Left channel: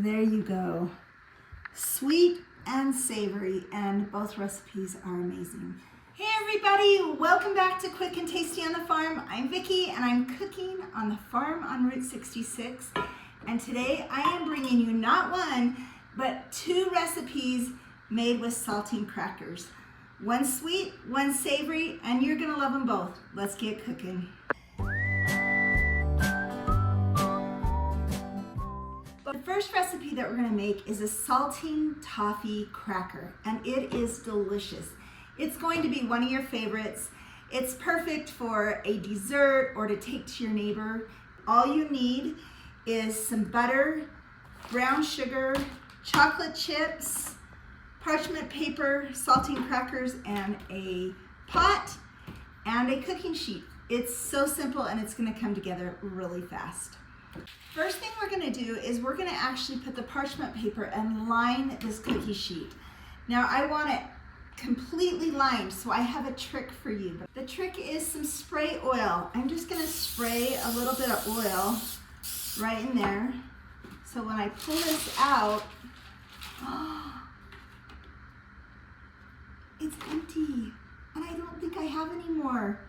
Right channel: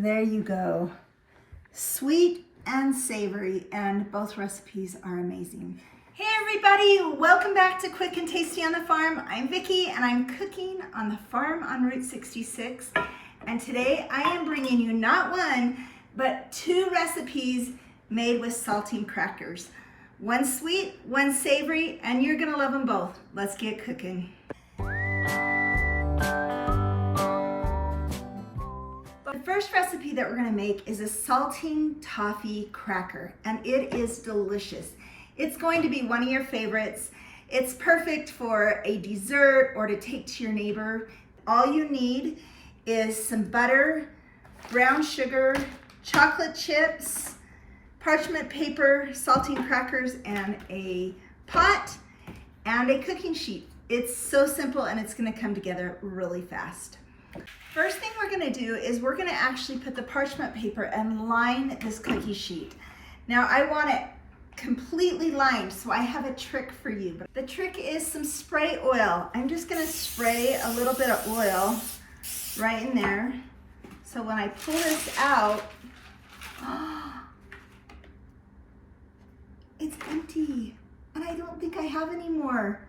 There you go. Sweet and savory, and both recipes are amazing. Hey everybody, welcome back to Quick and Tasty on the Farm. I'm Vicki and I'm cooking on the farm on Route 66. And today I am bringing you not one, but two recipes made with saltine crackers. One sweet, one savory, and you're gonna love them both. Let's get cooking. The first recipe that we're gonna make is a saltine toffee cracker, and it is delicious. It's going to be one of your favorites. It's perfect for a dessert or to take to your neighbor. All you need is some butter, brown sugar, chocolate chips, parchment paper, saltine crackers, and a pot and a cooking sheet. It's so simple and it's gonna come together really fast. First thing we're gonna do is we're gonna actually put the parchment paper and line this cookie sheet. Now I want it completely lined, so I have a trick for you. The trick is some spray oil. I'm just gonna spray a little bit of oil right in there. So when I pull this out, it's empty, and I don't think I have any more.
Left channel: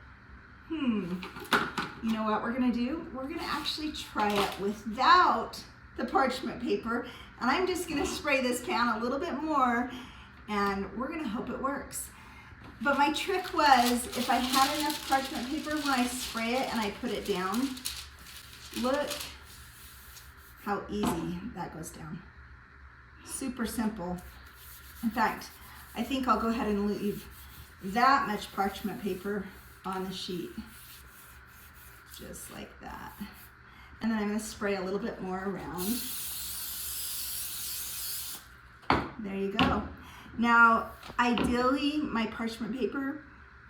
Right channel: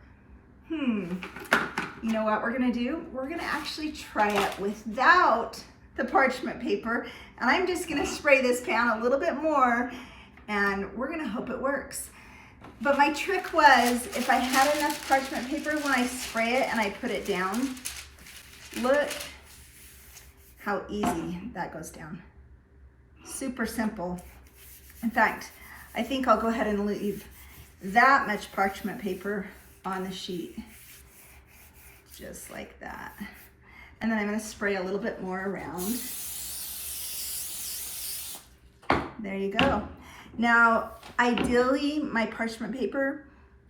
You know what we're gonna do? We're gonna actually try it without the parchment paper, and I'm just gonna spray this pan a little bit more, and we're gonna hope it works. But my trick was, if I had enough parchment paper, when I spray it and I put it down, look how easy that goes down. Super simple. In fact, I think I'll go ahead and leave that much parchment paper on the sheet. Just like that. And then I'm gonna spray a little bit more around. There you go. Now, ideally, my parchment paper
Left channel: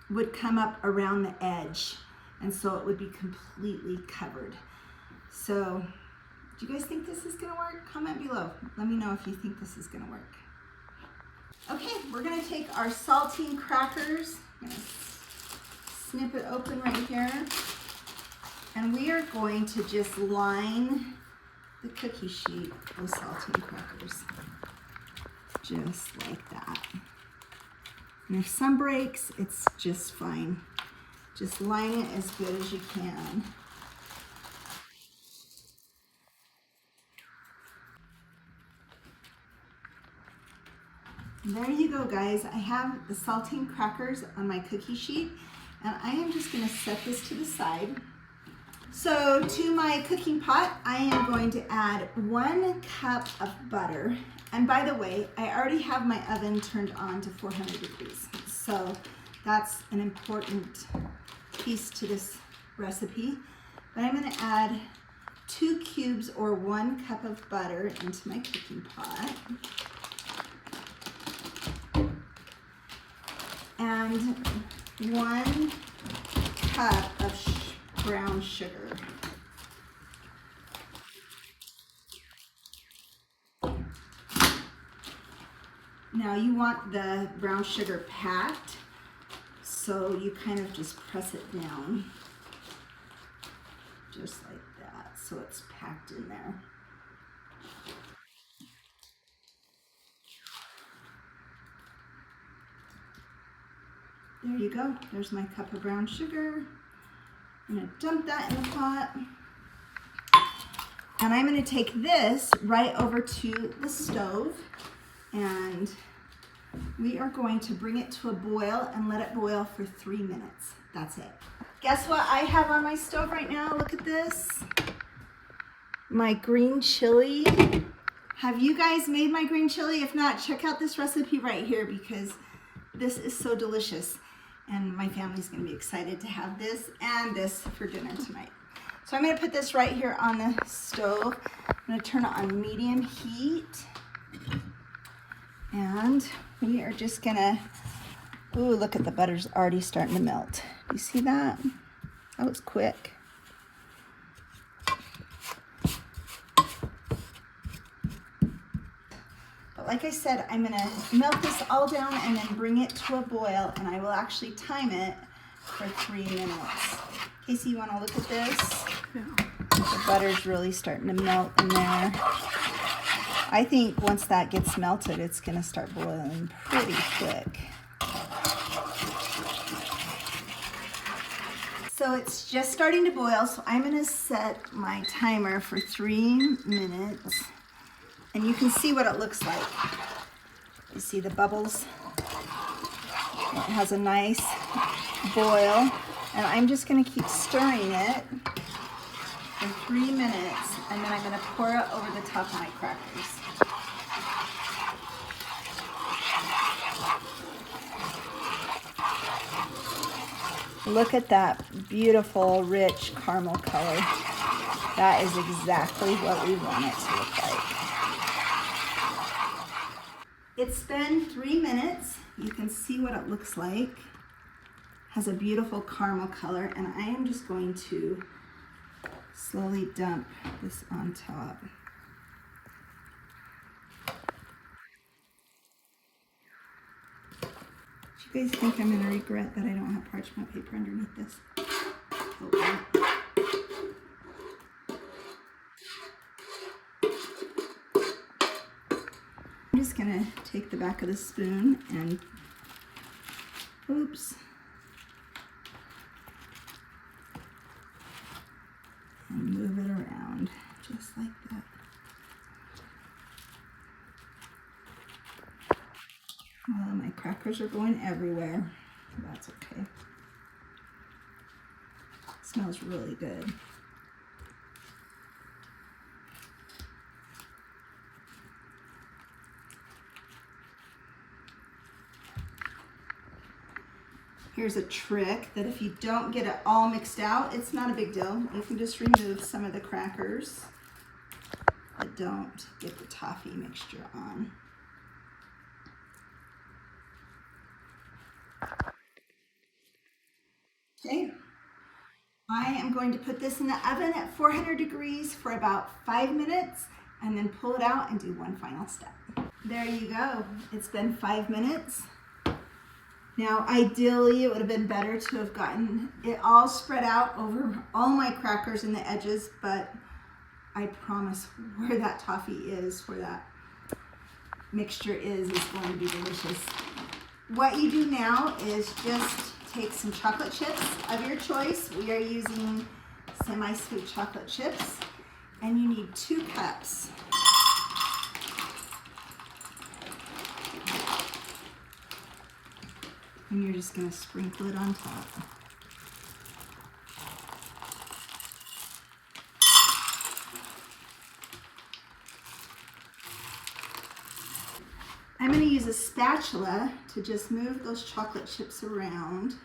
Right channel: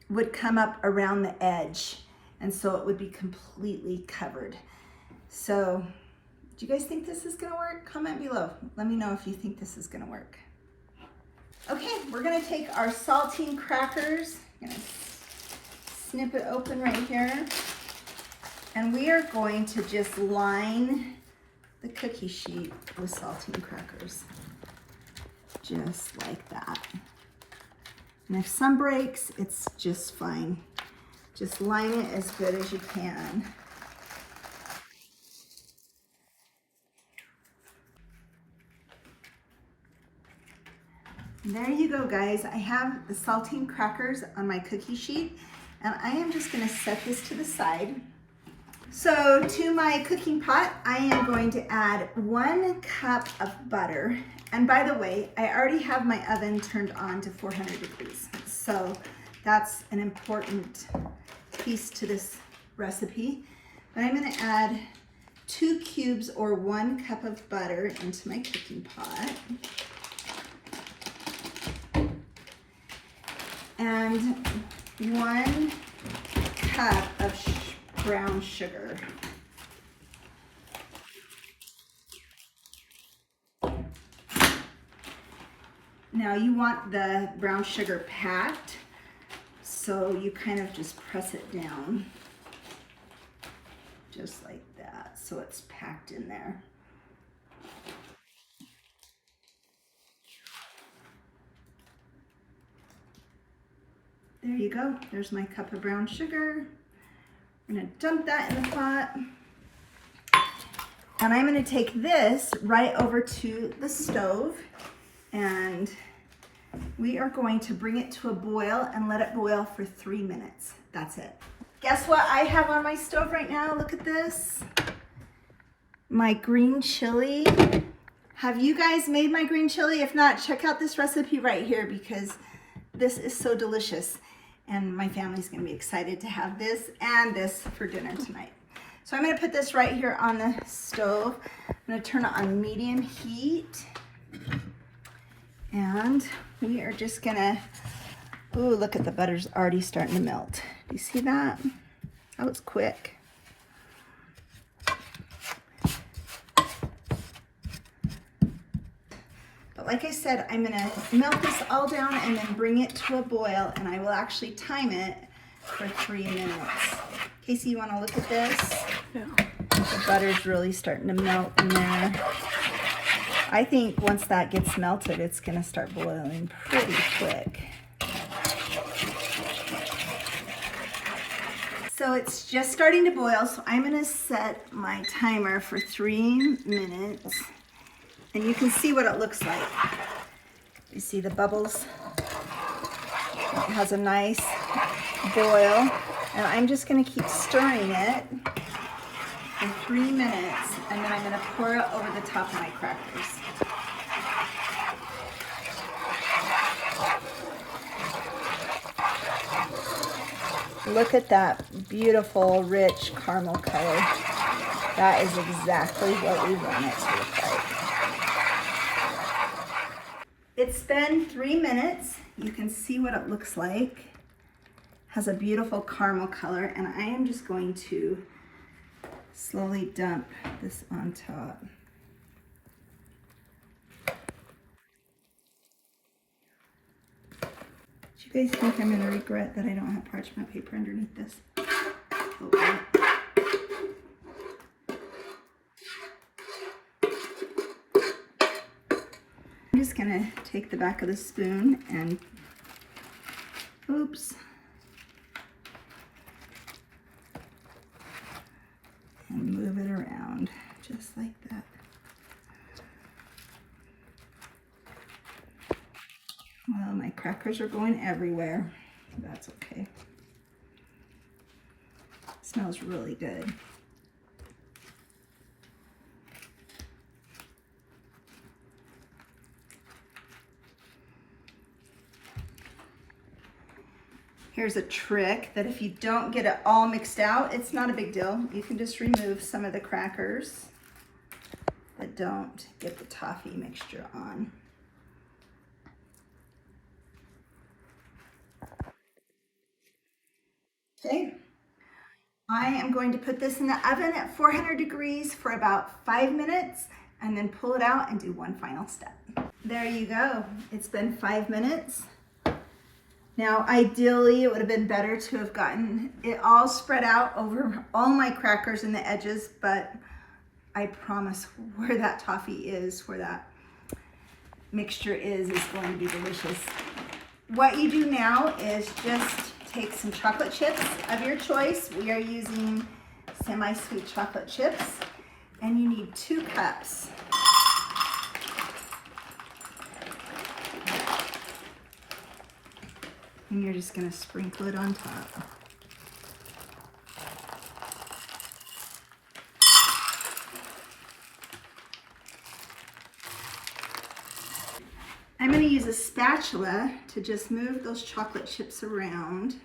would come up around the edge, and so it would be completely covered. So, do you guys think this is gonna work? Comment below. Let me know if you think this is gonna work. Okay, we're gonna take our saltine crackers. I'm gonna snip it open right here. And we are going to just line the cookie sheet with saltine crackers. Just like that. And if some breaks, it's just fine. Just line it as good as you can. And there you go, guys. I have the saltine crackers on my cookie sheet, and I am just gonna set this to the side. So to my cooking pot, I am going to add 1 cup of butter. And by the way, I already have my oven turned on to 400 degrees. So that's an important piece to this recipe. But I'm gonna add 2 cubes or 1 cup of butter into my cooking pot. And 1 cup of brown sugar. Now you want the brown sugar packed, so you kind of just press it down, just like that, so it's packed in there. There you go, there's my cup of brown sugar. I'm gonna dump that in the pot. And I'm gonna take this right over to the stove, and we are going to bring it to a boil and let it boil for 3 minutes. That's it. Guess what I have on my stove right now? Look at this. My green chili. Have you guys made my green chili? If not, check out this recipe right here, because this is so delicious. And my family's gonna be excited to have this and this for dinner tonight. So I'm gonna put this right here on the stove. I'm gonna turn it on medium heat. And we are just gonna, ooh, look at the butter's already starting to melt. Do you see that? That was quick. Like I said, I'm gonna melt this all down and then bring it to a boil, and I will actually time it for 3 minutes. Casey, you wanna look at this? Yeah. The butter's really starting to melt in there. I think once that gets melted, it's gonna start boiling pretty quick. So it's just starting to boil, so I'm gonna set my timer for 3 minutes. And you can see what it looks like. You see the bubbles? It has a nice boil. And I'm just gonna keep stirring it for 3 minutes, and then I'm gonna pour it over the top of my crackers. Look at that beautiful, rich caramel color. That is exactly what we want it to look like. It's been 3 minutes. You can see what it looks like. Has a beautiful caramel color, and I am just going to slowly dump this on top. Do you guys think I'm going to regret that I don't have parchment paper underneath this? Oh, I'm just going to take the back of the spoon and, oops, and move it around just like that. Well, my crackers are going everywhere. That's okay. It smells really good. Here's a trick that if you don't get it all mixed out, it's not a big deal. You can just remove some of the crackers that don't get the toffee mixture on. Okay, I am going to put this in the oven at 400 degrees for about 5 minutes and then pull it out and do one final step. There you go. It's been 5 minutes. Now, ideally, it would have been better to have gotten it all spread out over all my crackers and the edges, but I promise where that toffee is, where that mixture is going to be delicious. What you do now is just take some chocolate chips of your choice. We are using semi-sweet chocolate chips, and you need 2 cups. And you're just going to sprinkle it on top. I'm going to use a spatula to just move those chocolate chips around.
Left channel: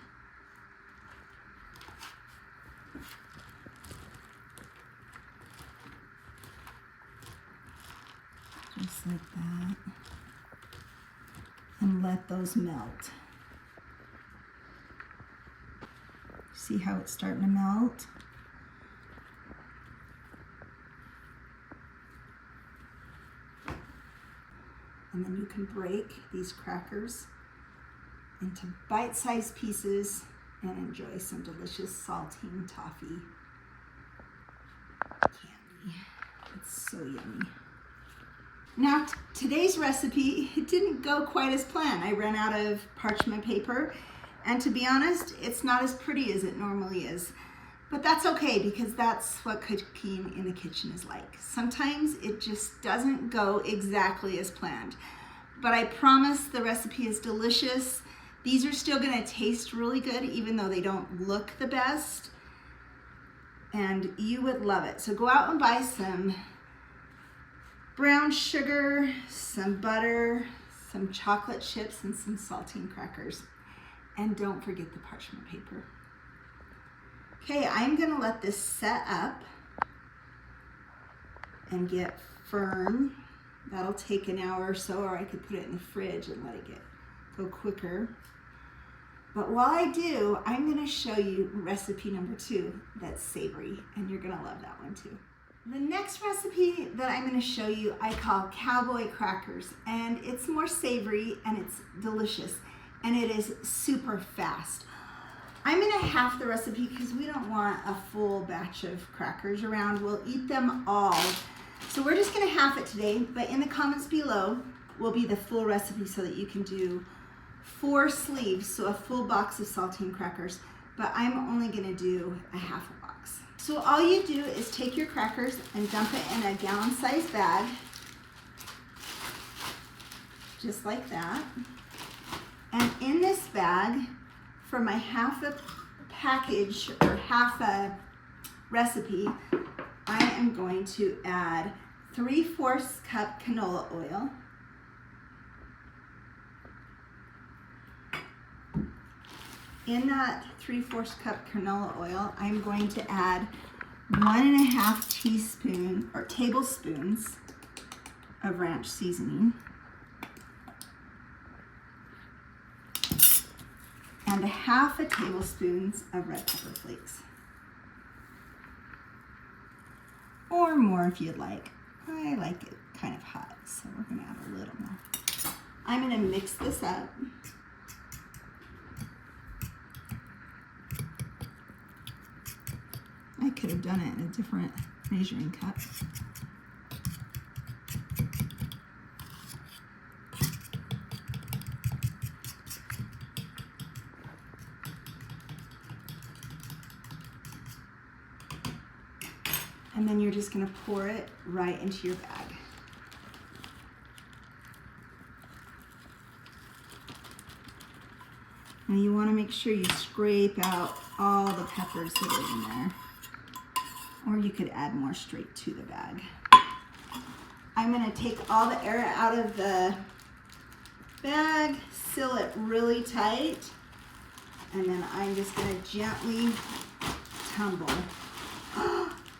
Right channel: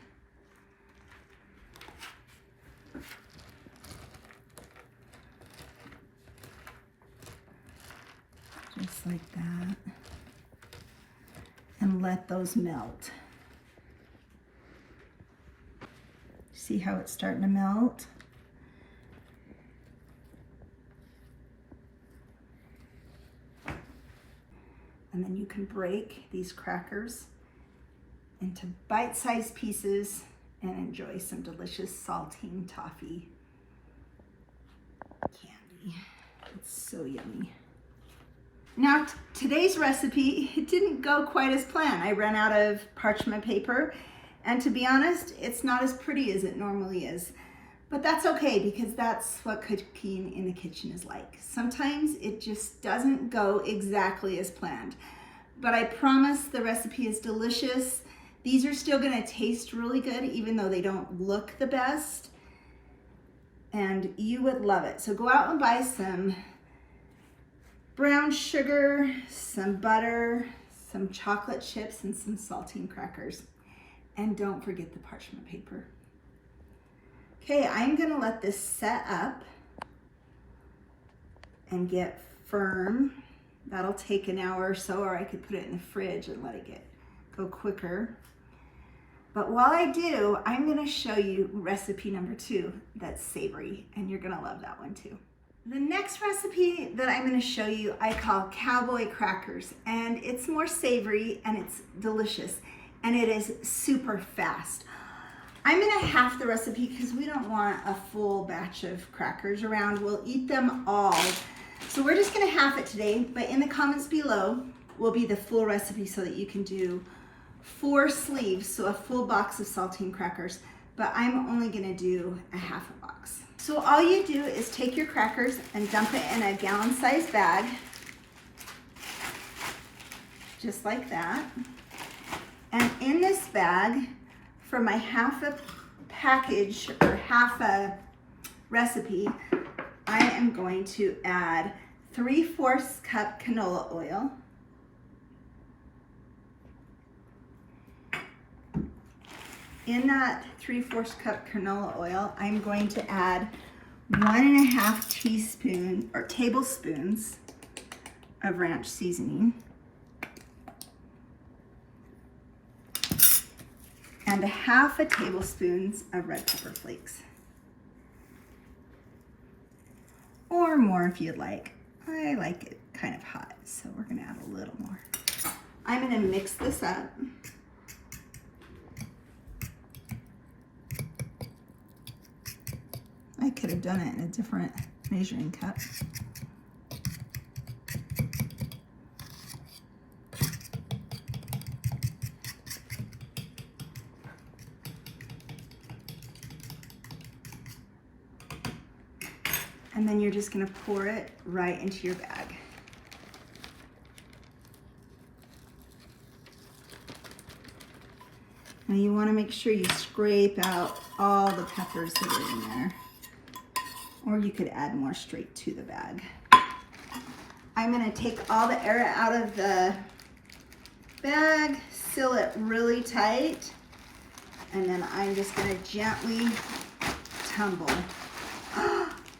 Just like that. And let those melt. See how it's starting to melt? And then you can break these crackers into bite-sized pieces and enjoy some delicious saltine toffee candy. It's so yummy. Now, today's recipe, it didn't go quite as planned. I ran out of parchment paper, and to be honest, it's not as pretty as it normally is. But that's okay, because that's what cooking in the kitchen is like. Sometimes it just doesn't go exactly as planned. But I promise the recipe is delicious. These are still gonna taste really good, even though they don't look the best. And you would love it. So go out and buy some brown sugar, some butter, some chocolate chips, and some saltine crackers. And don't forget the parchment paper. Okay, I'm gonna let this set up and get firm. That'll take an hour or so, or I could put it in the fridge and let it go quicker. But while I do, I'm gonna show you recipe number 2, that's savory, and you're gonna love that one too. The next recipe that I'm gonna show you, I call Cowboy Crackers, and it's more savory and it's delicious, and it is super fast. I'm gonna half the recipe because we don't want a full batch of crackers around. We'll eat them all. So we're just gonna half it today, but in the comments below will be the full recipe so that you can do 4 sleeves, so a full box of saltine crackers, but I'm only gonna do a half a box. So all you do is take your crackers and dump it in a gallon-sized bag, just like that. And in this bag, for my half a package or half a recipe, I am going to add 3/4 cup canola oil, in that 3/4 cup canola oil, I'm going to add 1.5 teaspoon or tablespoons of ranch seasoning and 1/2 tablespoon of red pepper flakes, or more if you'd like. I like it kind of hot, so we're gonna add a little more. I'm gonna mix this up. I could have done it in a different measuring cup. And then you're just gonna pour it right into your bag. Now you wanna make sure you scrape out all the peppers that are in there, or you could add more straight to the bag. I'm gonna take all the air out of the bag, seal it really tight, and then I'm just gonna gently tumble.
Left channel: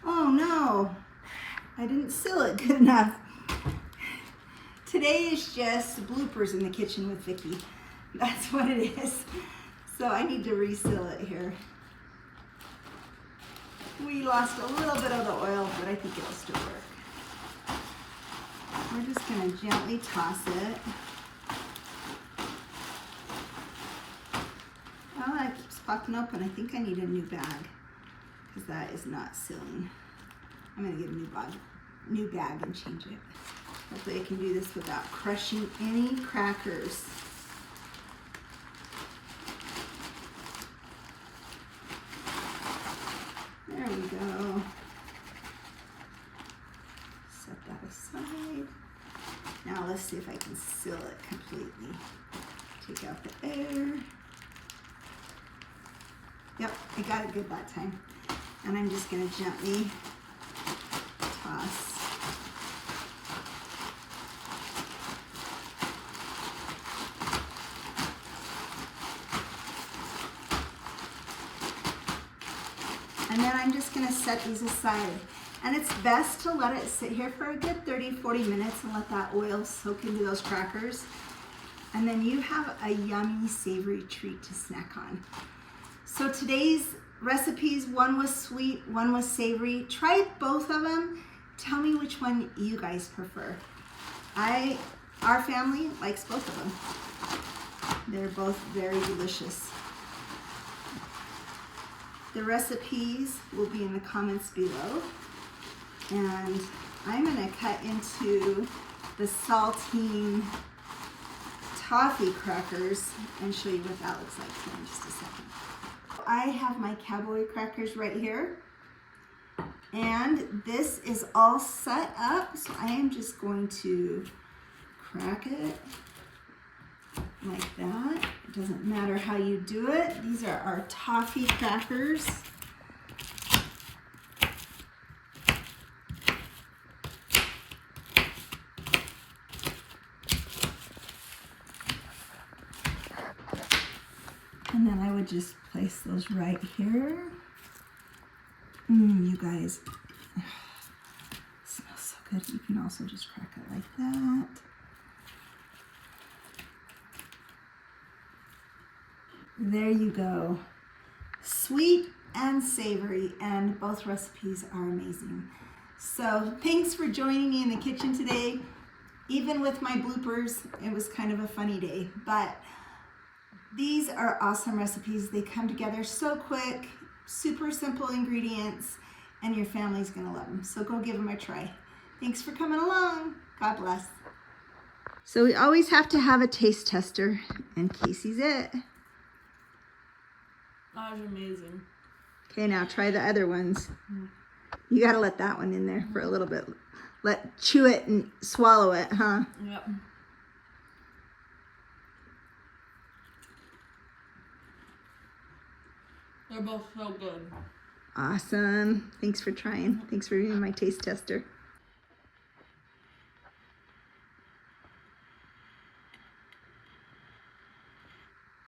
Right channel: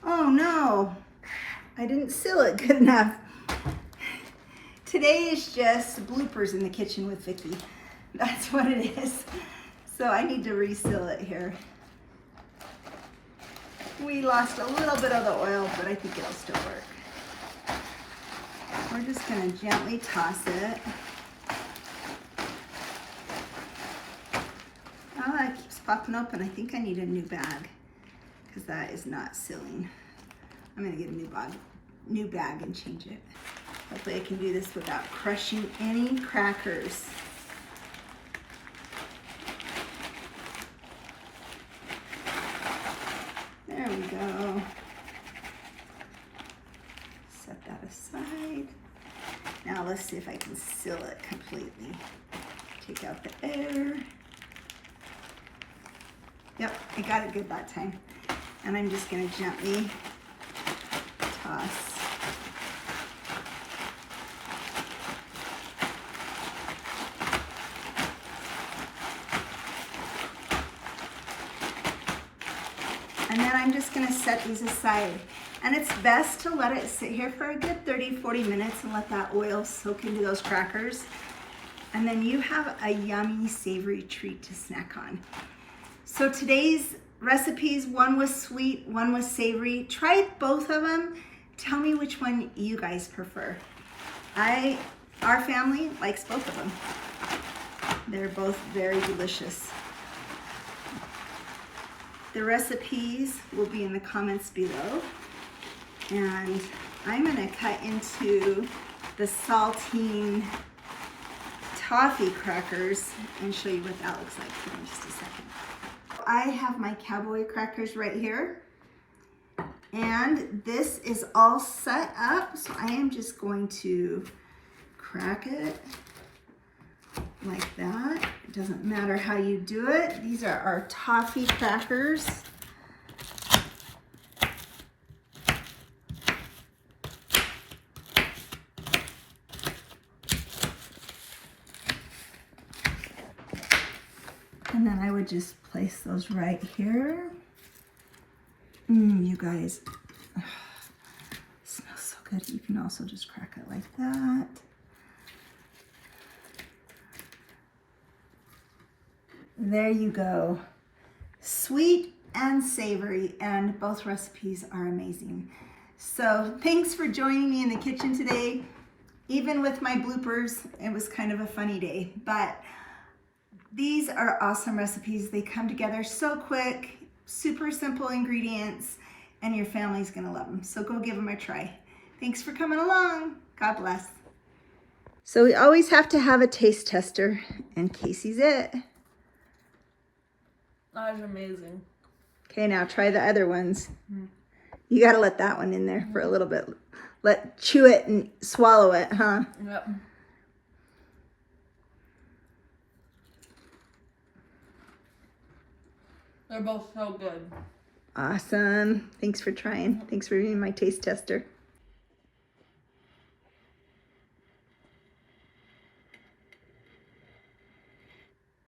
Oh no, I didn't seal it good enough. Today is just bloopers in the kitchen with Vicky. That's what it is. So I need to reseal it here. We lost a little bit of the oil, but I think it'll still work. We're just gonna gently toss it. Oh, that keeps popping open. I think I need a new bag because that is not sealing. I'm gonna get a new bag and change it. Hopefully I can do this without crushing any crackers. There we go. Set that aside. Now let's see if I can seal it completely. Take out the air. Yep, I got it good that time. And I'm just gonna gently toss. And then I'm just gonna set these aside. And it's best to let it sit here for a good 30-40 minutes and let that oil soak into those crackers. And then you have a yummy, savory treat to snack on. So today's recipes, one was sweet, one was savory. Try both of them. Tell me which one you guys prefer. Our family likes both of them. They're both very delicious. The recipes will be in the comments below. And I'm gonna cut into the saltine toffee crackers and show you what that looks like here in just a second. I have my Cowboy Crackers right here. And this is all set up. So I am just going to crack it like that. It doesn't matter how you do it. These are our toffee crackers. And then I would just place those right here. You guys, it smells so good. You can also just crack it like that. There you go. Sweet and savory, and both recipes are amazing. So thanks for joining me in the kitchen today. Even with my bloopers, it was kind of a funny day, but these are awesome recipes. They come together so quick, super simple ingredients, and your family's gonna love them. So go give them a try. Thanks for coming along. God bless. So we always have to have a taste tester, and Casey's it. That is amazing. Okay, now try the other ones. You gotta let that one in there for a little bit. Chew it and swallow it, huh? Yep. They're both so good. Awesome. Thanks for trying. Thanks for being my taste tester.